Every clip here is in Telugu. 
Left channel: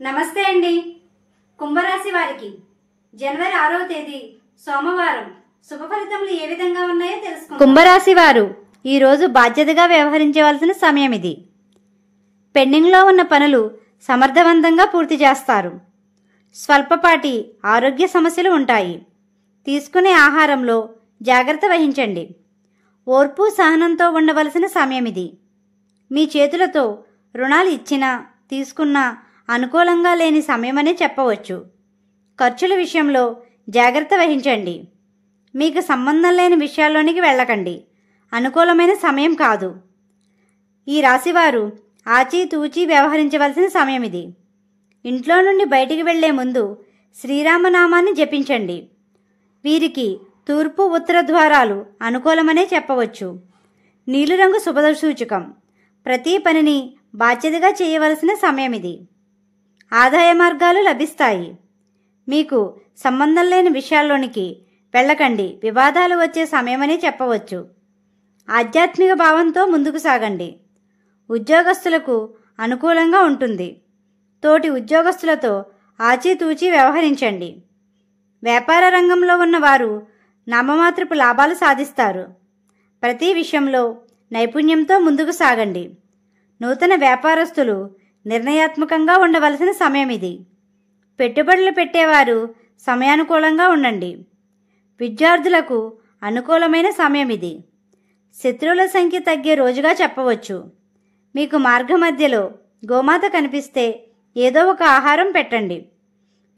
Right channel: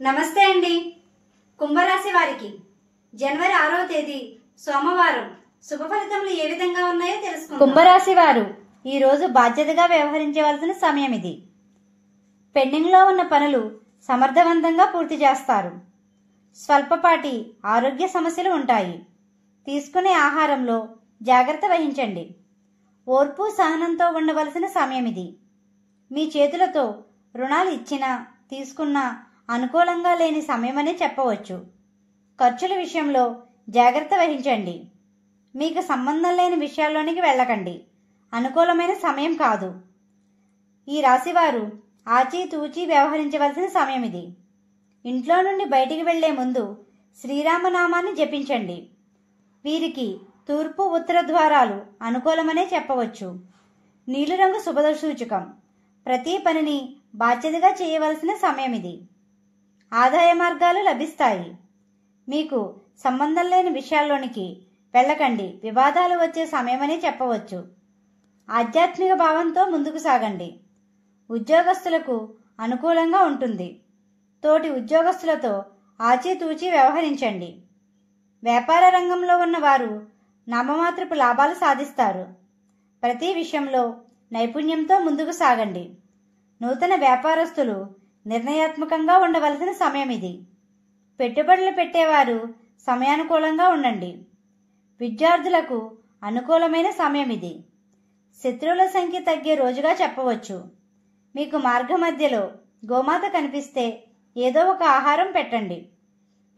నమస్తే అండి. కుంభరాశి వారికి జనవరి 6వ తేదీ సోమవారం శుభ ఫలితములు ఏ విధంగా ఉన్నాయో తెలుసుకుందాం. కుంభరాశి వారు ఈ రోజు బాధ్యతగా వ్యవహరించవలసిన సమయం ఇది. పెండింగ్లో ఉన్న పనులు సమర్థవంతంగా పూర్తి చేస్తారు. స్వల్పపాటి ఆరోగ్య సమస్యలు ఉంటాయి. తీసుకునే ఆహారంలో జాగ్రత్త వహించండి. ఓర్పు సహనంతో ఉండవలసిన సమయం ఇది. మీ చేతులతో రుణాలు ఇచ్చినా తీసుకున్నా అనుకూలంగా లేని సమయమనే చెప్పవచ్చు. ఖర్చుల విషయంలో జాగ్రత్త వహించండి. మీకు సంబంధం లేని విషయాల్లోనికి వెళ్ళకండి. అనుకూలమైన సమయం కాదు. ఈ రాశివారు ఆచితూచి వ్యవహరించవలసిన సమయం ఇది. ఇంట్లో నుండి బయటికి వెళ్లే ముందు శ్రీరామనామాన్ని జపించండి. వీరికి తూర్పు ఉత్తర ద్వారాలు అనుకూలమనే చెప్పవచ్చు. నీలిరంగు శుభసూచకం. ప్రతి పనిని బాధ్యతగా చేయవలసిన సమయం ఇది. ఆదాయ మార్గాలు లభిస్తాయి. మీకు సంబంధం లేని విషయాల్లోనికి వెళ్ళకండి. వివాదాలు వచ్చే సమయమనే చెప్పవచ్చు. ఆధ్యాత్మిక భావంతో ముందుకు సాగండి. ఉద్యోగస్తులకు అనుకూలంగా ఉంటుంది. తోటి ఉద్యోగస్తులతో ఆచితూచి వ్యవహరించండి. వ్యాపార రంగంలో ఉన్నవారు నామమాత్రపు లాభాలు సాధిస్తారు. ప్రతి విషయంలో నైపుణ్యంతో ముందుకు సాగండి. నూతన వ్యాపారస్తులు నిర్ణయాత్మకంగా ఉండవలసిన సమయం ఇది. పెట్టుబడులు పెట్టేవారు సమయానుకూలంగా ఉండండి. విద్యార్థులకు అనుకూలమైన సమయం ఇది. శత్రువుల సంఖ్య తగ్గే రోజుగా చెప్పవచ్చు. మీకు మార్గ మధ్యలో గోమాత కనిపిస్తే ఏదో ఒక ఆహారం పెట్టండి.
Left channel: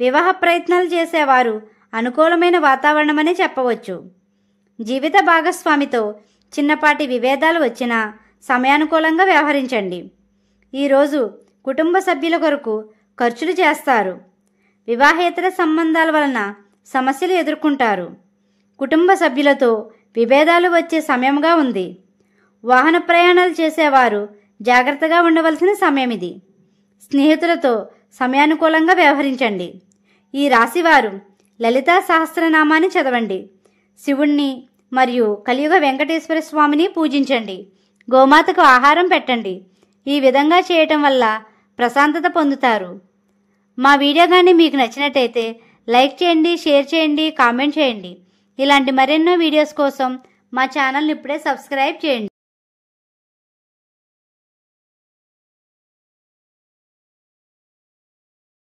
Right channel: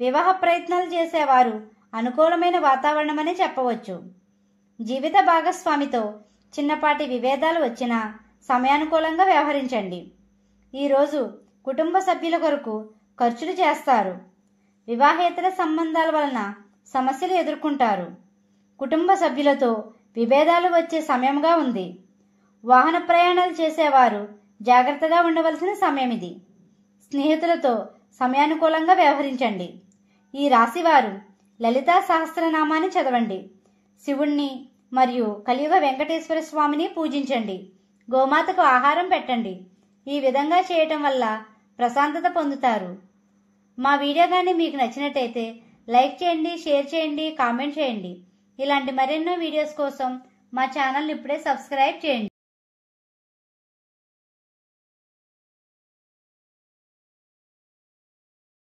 వివాహ ప్రయత్నాలు చేసేవారు అనుకూలమైన వాతావరణమనే చెప్పవచ్చు. జీవిత భాగస్వామితో చిన్నపాటి విభేదాలు వచ్చినా సమయానుకూలంగా వ్యవహరించండి. ఈరోజు కుటుంబ సభ్యుల కొరకు ఖర్చులు చేస్తారు. వివాహేతర సంబంధాల వలన సమస్యలు ఎదుర్కొంటారు. కుటుంబ సభ్యులతో విభేదాలు వచ్చే సమయంగా ఉంది. వాహన ప్రయాణాలు చేసేవారు జాగ్రత్తగా ఉండవలసిన సమయం ఇది. స్నేహితులతో సమయానుకూలంగా వ్యవహరించండి. ఈ రాశివారు లలితా సహస్రనామాన్ని చదవండి. శివుణ్ణి మరియు కలియుగ వెంకటేశ్వర స్వామిని పూజించండి. గోమాతకు ఆహారం పెట్టండి. ఈ విధంగా చేయటం వల్ల ప్రశాంతత పొందుతారు. మా వీడియో కానీ మీకు నచ్చినట్టయితే లైక్ చేయండి, షేర్ చేయండి, కామెంట్ చేయండి. ఇలాంటి మరెన్నో వీడియోస్ కోసం మా ఛానల్ని ఇప్పుడే సబ్స్క్రైబ్ చేయండి.